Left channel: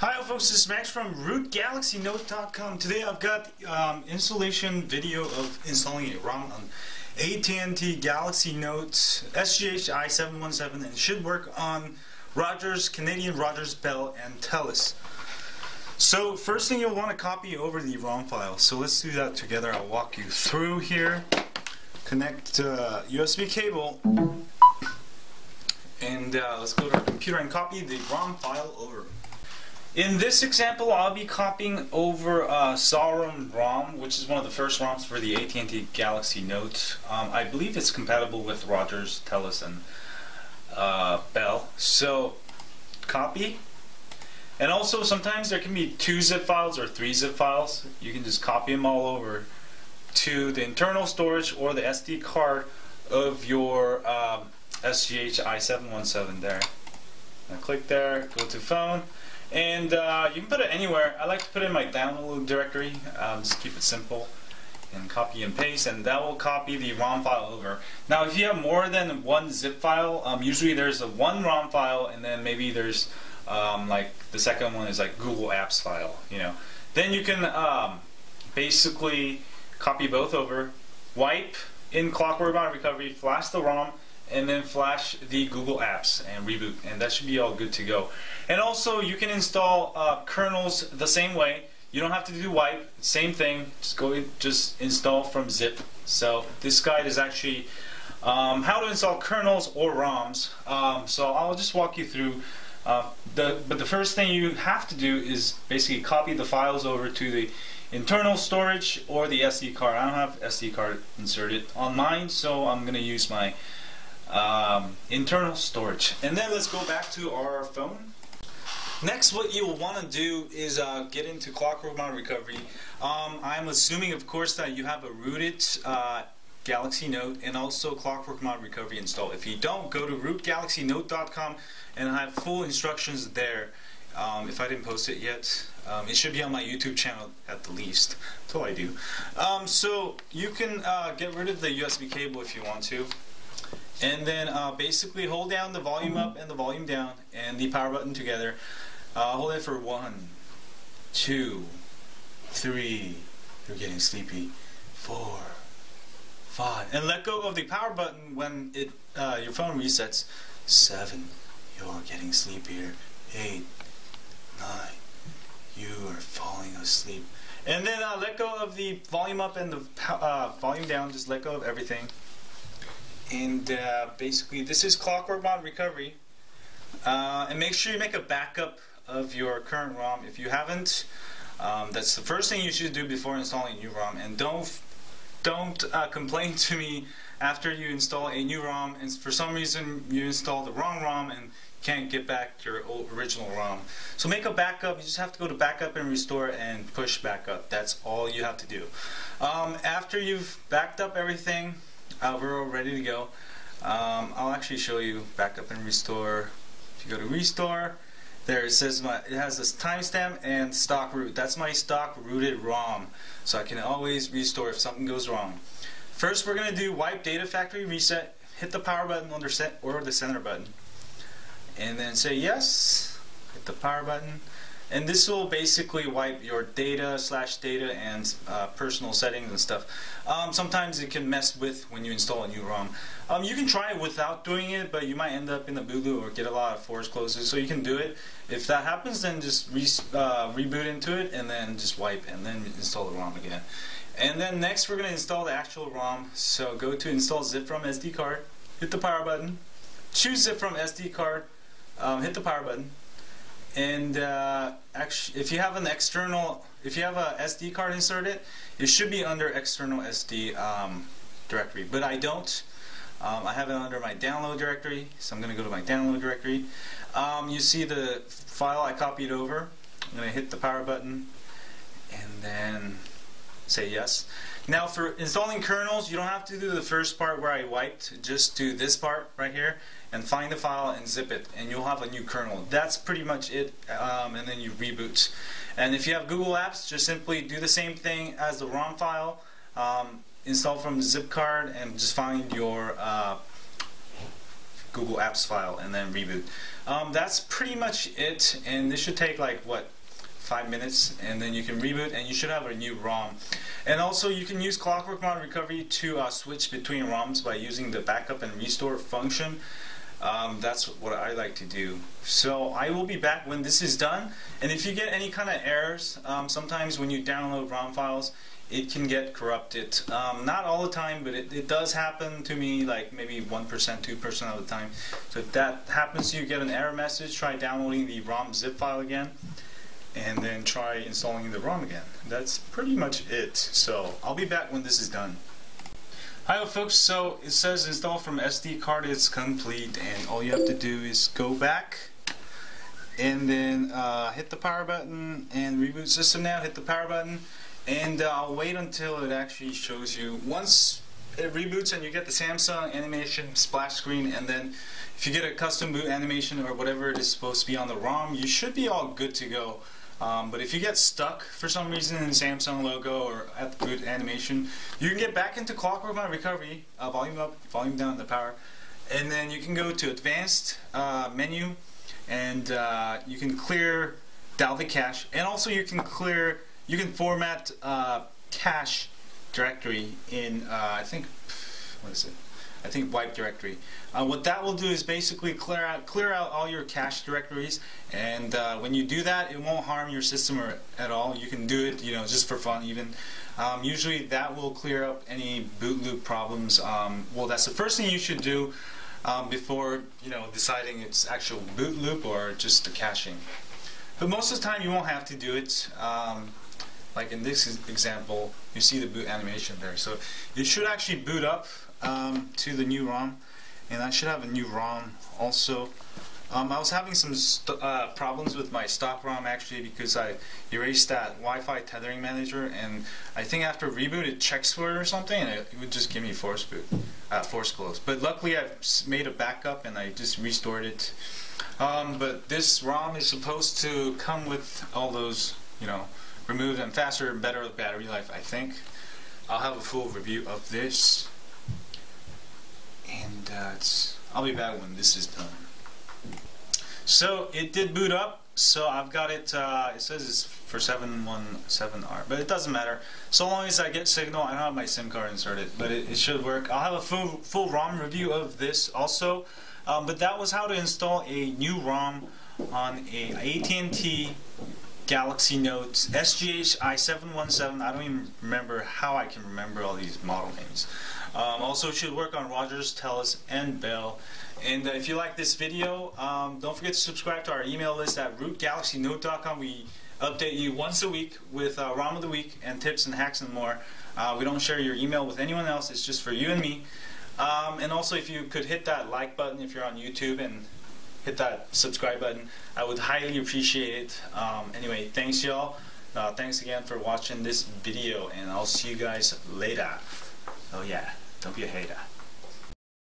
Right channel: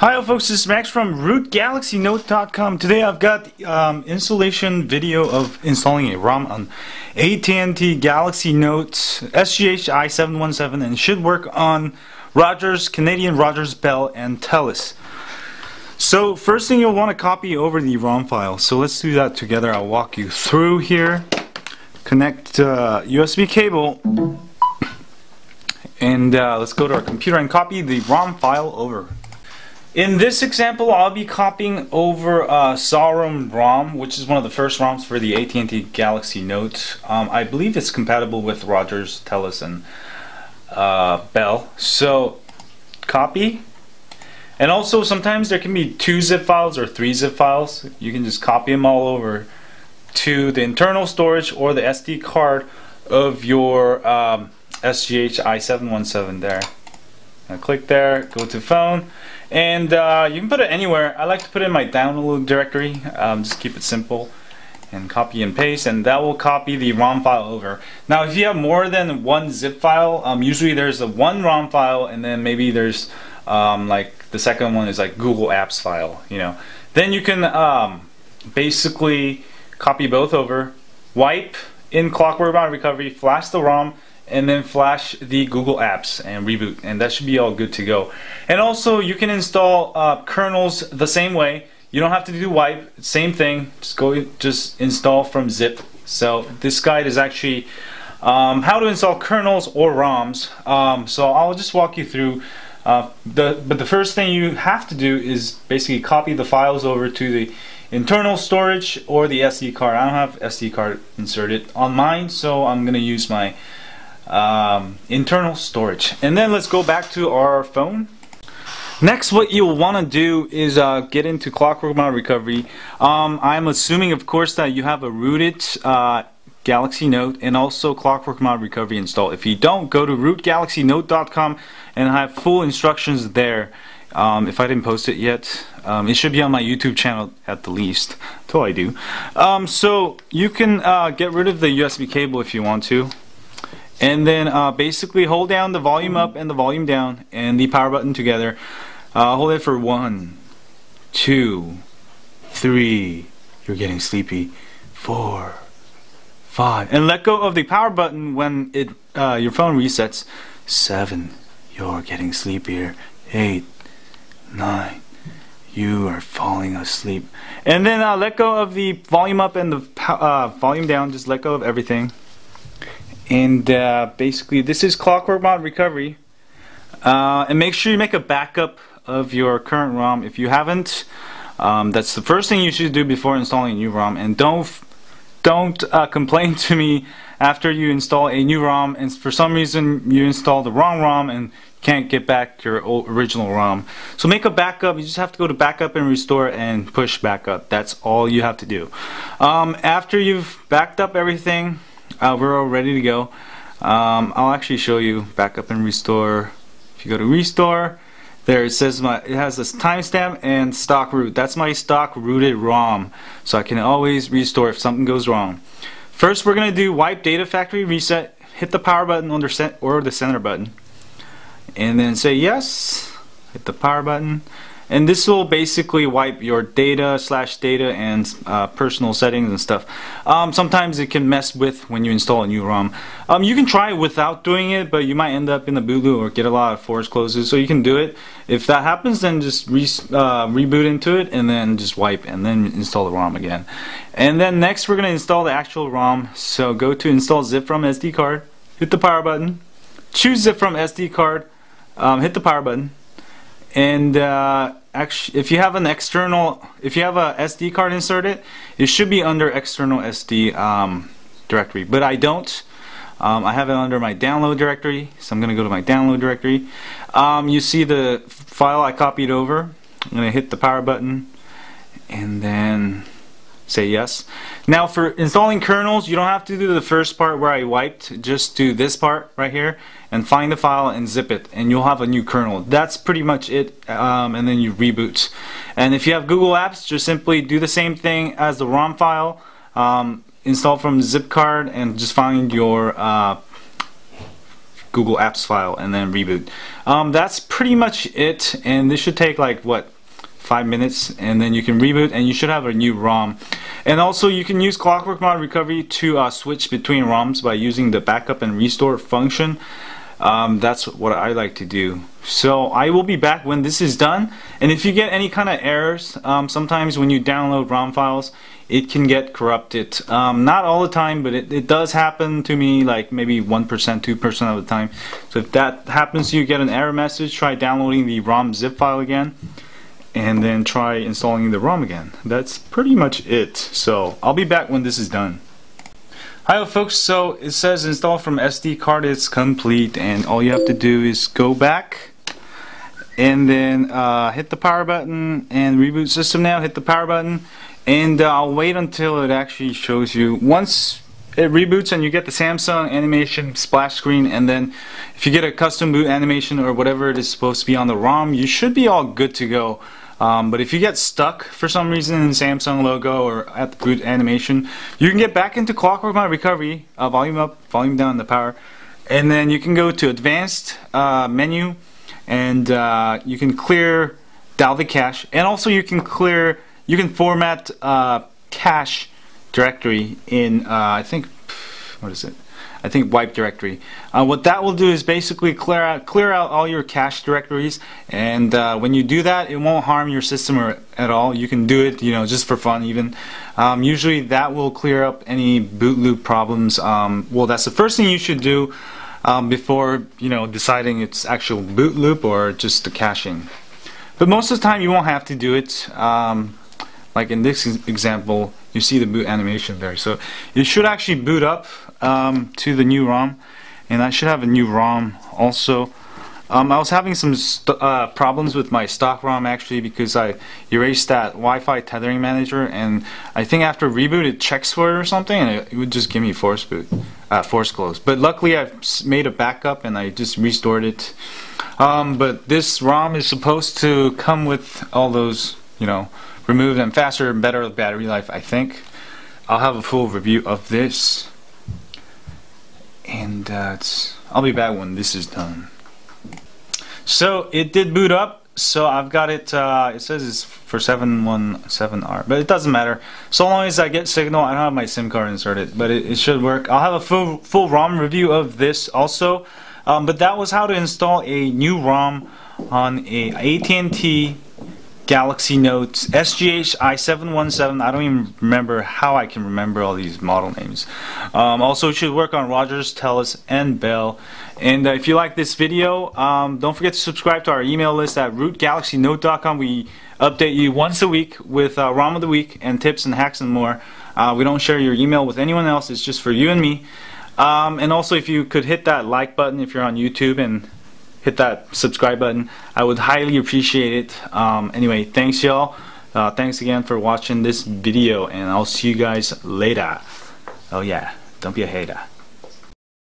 Hi folks, this is Max from rootgalaxynote.com. Today I've got installation video of installing a ROM on AT&T Galaxy Note SGH i717, and it should work on Rogers, Canadian Rogers, Bell, and Telus. So first thing, you'll want to copy over the ROM file. So let's do that together. I'll walk you through here. Connect USB cable, and let's go to our computer and copy the ROM file over. In this example, I'll be copying over CWM ROM, which is one of the first ROMs for the AT&T Galaxy Note. I believe it's compatible with Rogers, Telus, and Bell. So, copy. And also, sometimes there can be 2 zip files or 3 zip files. You can just copy them all over to the internal storage or the SD card of your SGH i717 there. Now click there, go to phone, and you can put it anywhere. I like to put it in my download directory. Just keep it simple, and copy and paste, and that will copy the ROM file over. Now if you have more than 1 zip file, usually there's a 1 ROM file, and then maybe there's like the second one is like Google Apps file, you know. Then you can basically copy both over, wipe in Clockwork Mountain Recovery, flash the ROM, and then flash the Google Apps and reboot, and that should be all good to go. And also you can install kernels the same way. You don't have to do wipe, same thing, just install from zip. So this guide is actually how to install kernels or ROMs. So I'll just walk you through but the first thing you have to do is basically copy the files over to the internal storage or the SD card. I don't have SD card inserted on mine, so I'm gonna use my internal storage. And then let's go back to our phone. Next, what you'll want to do is get into Clockwork Mountain Recovery. I'm assuming, of course, that you have a rooted Galaxy Note and also Clockwork Mountain Recovery installed. If you don't, go to rootgalaxynote.com and I have full instructions there. If I didn't post it yet, it should be on my YouTube channel at the least, until I do. So you can get rid of the USB cable if you want to. And then basically hold down the volume up and the volume down and the power button together. Hold it for 1, 2, 3, you're getting sleepy, 4, 5, and let go of the power button when your phone resets. 7, you're getting sleepier. 8, 9, you are falling asleep. And then let go of the volume up and the volume down. Just let go of everything. And basically this is Clockwork Mountain Recovery, and make sure you make a backup of your current ROM. If you haven't, that's the first thing you should do before installing a new ROM. And don't complain to me after you install a new ROM and for some reason you install the wrong ROM and can't get back your original ROM. So make a backup. You just have to go to backup and restore and push backup. That's all you have to do. After you've backed up everything, we're all ready to go. I'll actually show you backup and restore. If you go to restore, there it says it has this timestamp and stock root. That's my stock rooted ROM, so I can always restore if something goes wrong. First, we're gonna do wipe data factory reset. Hit the power button or the center button, and then say yes. Hit the power button. And this will basically wipe your data and personal settings and stuff. Sometimes it can mess with when you install a new ROM. You can try it without doing it, but you might end up in the boot loop or get a lot of force closes. So you can do it. If that happens, then just reboot into it and then just wipe and then install the ROM again. And then next we're going to install the actual ROM. So go to install zip from SD card, hit the power button, choose zip from SD card, hit the power button. And actually, if you have a SD card inserted, it should be under external SD directory. But I don't. I have it under my download directory, so I'm going to go to my download directory. You see the file I copied over. I'm going to hit the power button and then say yes. Now for installing kernels, you don't have to do the first part where I wiped. Just do this part right here and find the file and zip it, and you'll have a new kernel. That's pretty much it, and then you reboot. And if you have Google Apps, just simply do the same thing as the ROM file, install from zip card and just find your Google Apps file and then reboot. That's pretty much it, and this should take like what, 5 minutes, and then you can reboot and you should have a new ROM. And also you can use Clockwork Mod Recovery to switch between ROMs by using the backup and restore function. That's what I like to do. So I will be back when this is done, and if you get any kind of errors, sometimes when you download ROM files it can get corrupted. Not all the time, but it does happen to me, like maybe 1%, 2% of the time. So if that happens to you, get an error message, try downloading the ROM zip file again, and then try installing the ROM again. That's pretty much it. So I'll be back when this is done. Hi folks, so it says install from SD card is complete, and all you have to do is go back and then hit the power button and reboot system now. Hit the power button, and I'll wait until it actually shows you. Once it reboots and you get the Samsung animation splash screen, and then if you get a custom boot animation or whatever it is supposed to be on the ROM, you should be all good to go. But if you get stuck for some reason in the Samsung logo or at the boot animation, you can get back into Clockwork Mod Recovery, volume up, volume down the power, and then you can go to advanced menu, and you can clear Dalvik cache, and also you can format cache directory in I think, what is it? I think wipe directory. What that will do is basically clear out all your cache directories, and when you do that, it won't harm your system at all. You can do it, you know, just for fun even. Usually that will clear up any boot loop problems. Well, that's the first thing you should do before, you know, deciding it's actual boot loop or just the caching. But most of the time you won't have to do it. Like in this example, you see the boot animation there. So it should actually boot up to the new ROM, and I should have a new ROM also. I was having some problems with my stock ROM actually, because I erased that Wi-Fi tethering manager, and I think after reboot it checks for it or something, and it would just give me force close. But luckily I've made a backup and I just restored it. But this ROM is supposed to come with all those, you know, removed and faster and better battery life, I think. I'll have a full review of this, and I'll be back when this is done. So it did boot up, so I've got it, it says it's for 717R, but it doesn't matter. So long as I get signal, I don't have my SIM card inserted, but it should work. I'll have a full ROM review of this also, but that was how to install a new ROM on a AT&T Galaxy Note SGH i717. I don't even remember how I can remember all these model names. Also, it should work on Rogers, Telus, and Bell. And if you like this video, don't forget to subscribe to our email list at rootgalaxynote.com. We update you once a week with ROM of the week and tips and hacks and more. We don't share your email with anyone else. It's just for you and me. And also, if you could hit that like button if you're on YouTube, and hit that subscribe button, I would highly appreciate it. Anyway, thanks y'all. Thanks again for watching this video, and I'll see you guys later. Oh yeah, don't be a hater.